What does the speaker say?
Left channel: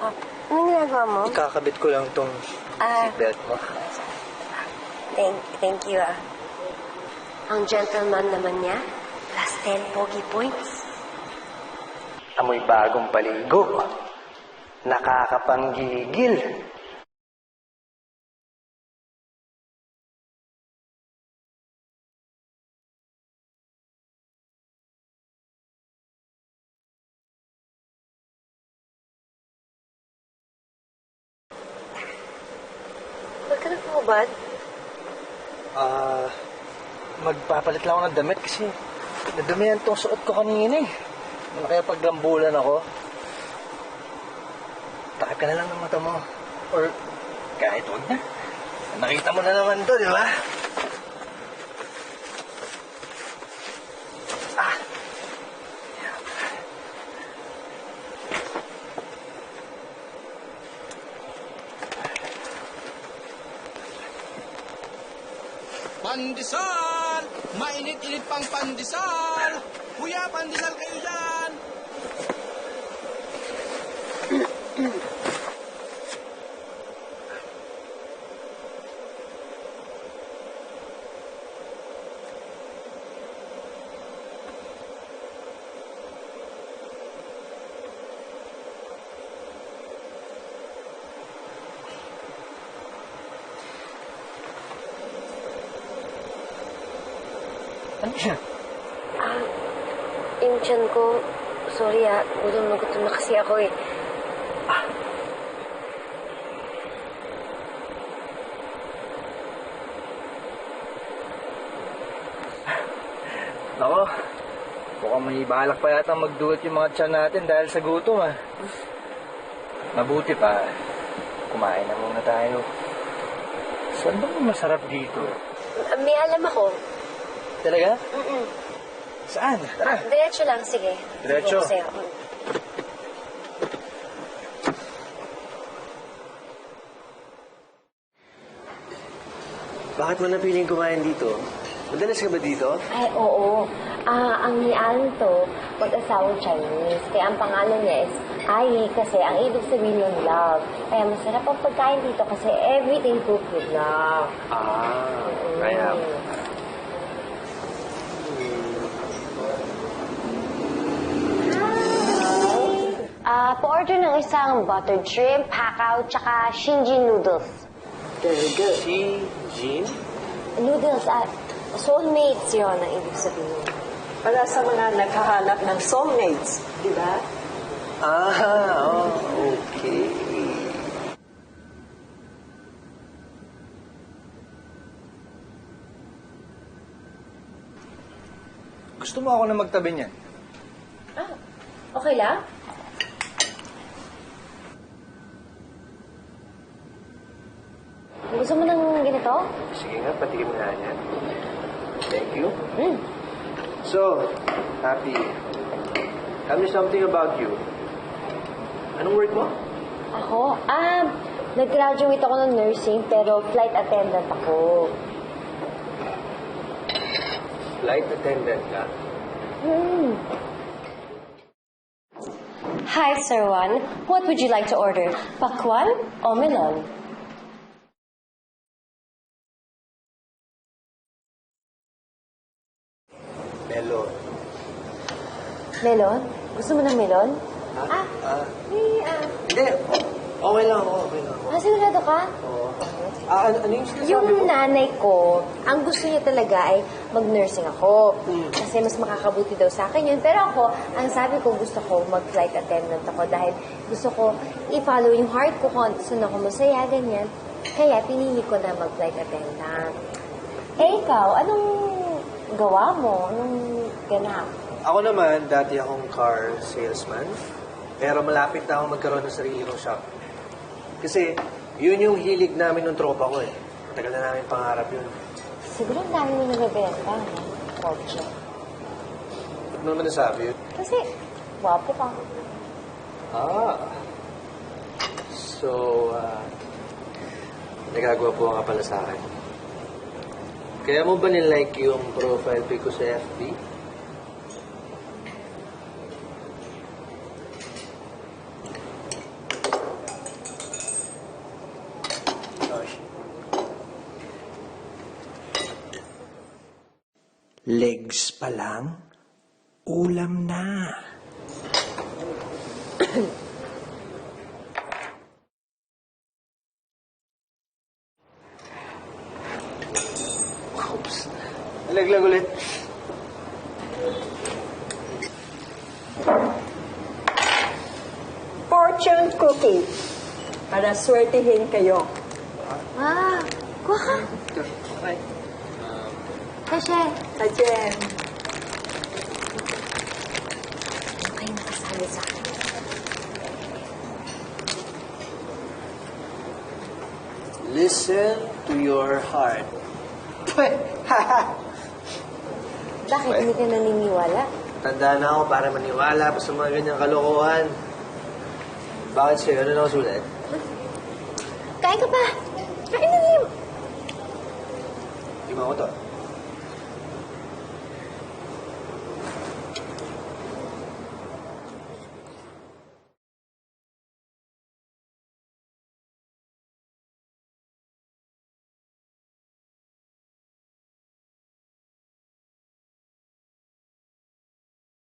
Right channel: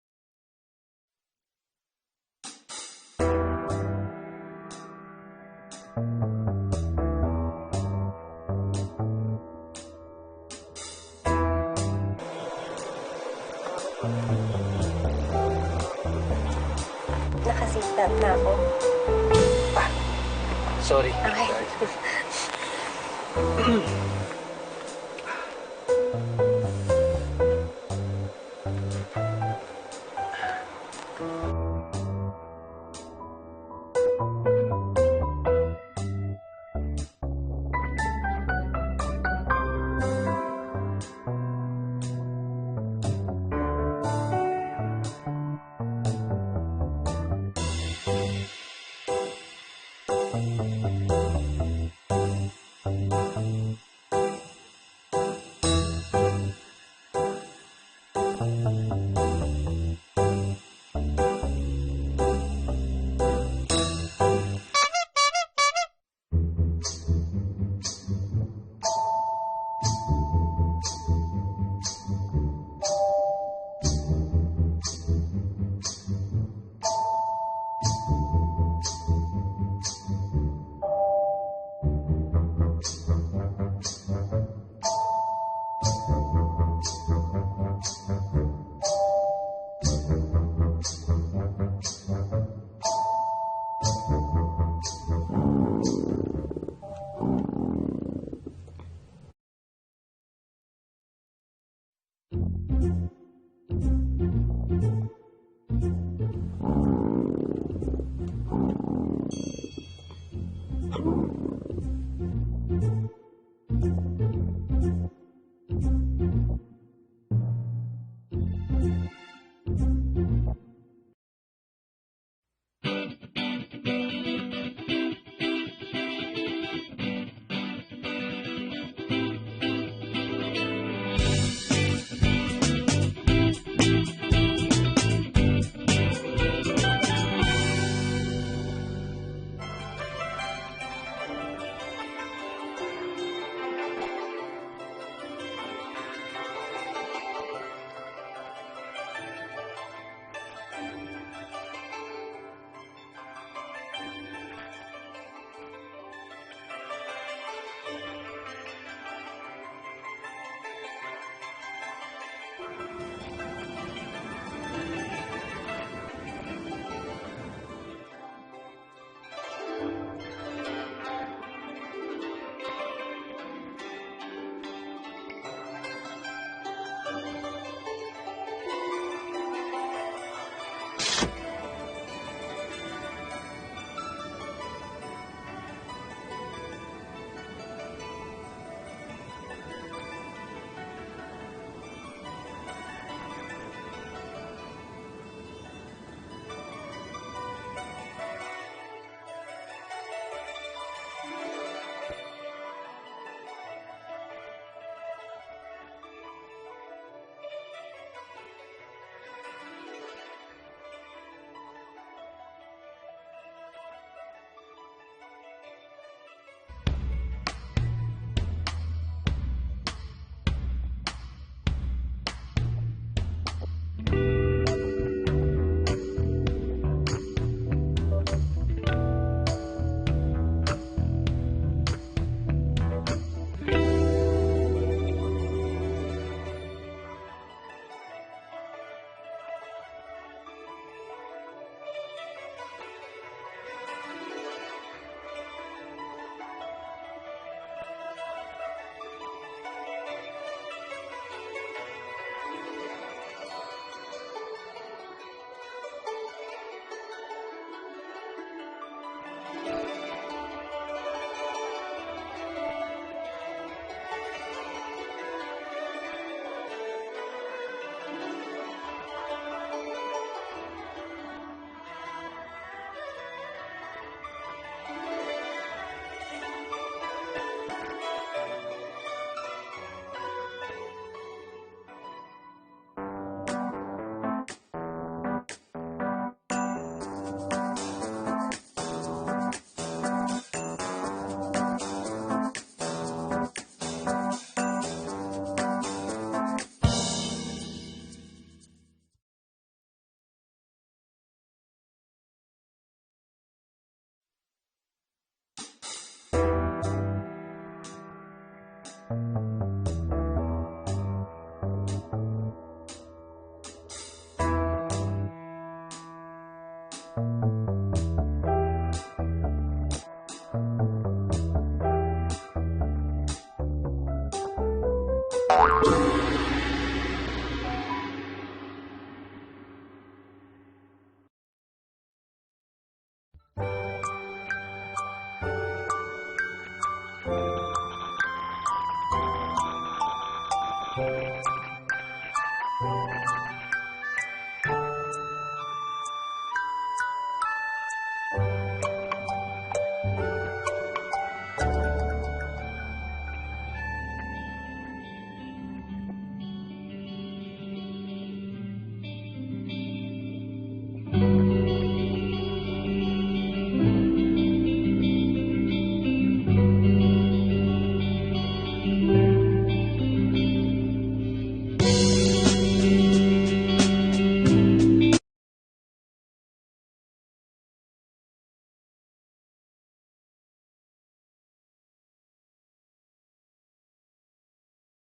Ah, anong ginagawa mo? Ikakabit ko lang tong seatbelt mo. Thank you, ah. Ang gentleman naman niya, plus 10 pogi points. Amoy bagong paligo. Nakakapanggigil. Nakaseatbelt na ako. Sorry. Okay. Huwag ka na bumabad. Magpapalit lang ako ng damit kasi nadumihan tong suot ko kanina eh. Ano kaya paggambulan ako? Takip ka na lang ng mata mo. Or kahit huwag na. Nakita mo na naman to, di ba? Pandesal! Mainit-init pang pandesal! Kuya, pandesal kayo dyan! Ano siya? Yung tiyan ko, sorry gutom na kasi ako eh. Ako, mukhang may balak pa yata magduot yung mga tiyan natin dahil sa gutom Mabuti pa, kumain na muna tayo. Saan ba yung masarap dito? May alam ako. Talaga? Saan? Tara. Diretso lang, sige. Diretso? Sir. Bakit mo napiling kumain dito? Madalas ka ba dito? Ay, oo. Ang ni-alan to, mag-asawang Chinese. Kaya ang pangalan niya is Ai, kasi ang ibig sabihin ng love. Kaya masarap ang pagkain dito kasi everything cooked with love. Kaya. Pa-order ng isang buttered shrimp, hakaw, tsaka Shinjin noodles. Talaga? Si Jin? Noodles, soulmates yun ang ibig sabihin. Para sa mga naghahanap ng soulmates, di ba? Okay. Gusto mo ako na magtabi niyan? Okay lang? Gusto mo ng ganito? Sige nga, pati mo nga yan. Thank you. Mm. So, Happy, tell me something about you. Anong work mo? Ako? Nag-graduate ako ng nursing pero flight attendant ako. Flight attendant ka? Hmm. Hi, Sir Juan. What would you like to order? Pakwan o melon? Melon. Melon? Gusto mo ng melon? Hindi. Okay lang ako. Sigurado ka? Oo. Ano yung sinasabi Yung mo? nanay ko, ang gusto niya talaga ay mag-nursing ako. Kasi mas makakabuti daw sa akin yun. Pero ako, ang sabi ko, gusto ko mag-flight attendant ako dahil gusto ko i-follow yung heart ko kung saan ako masaya, ganyan. Kaya pinili ko na mag-flight attendant. Eh, ikaw, anong gawa mo? Anong ganap? Ako naman, dati akong car salesman. Pero malapit na ako magkaroon ng sarili kong shop. Kasi yun yung hilig namin ng tropa ko eh. Tagal na namin pangarap yun. Siguro ang dami mo nabibenta. Project. Huwag mo naman nasabi yun. Kasi, wapo ka. So, nagagawa po nga pala sa akin. Kaya mo ba nilike yung profile pic ko sa FB? Legs pa lang, ulam na. Oops. Laglag ulit. Fortune cookie. Para swertihin kayo. Ah, kuha ka. Okay. Kasi, Tajen. ay nakasabi sa akin. Listen to your heart. Bakit hindi ka naniniwala? Tanda na ako para maniwala pa sa mga ganyang kalokohan. Bakit sa'yo? Ano na ako sulat? Kain ka pa! Kain na rin! Hindi mo ako to.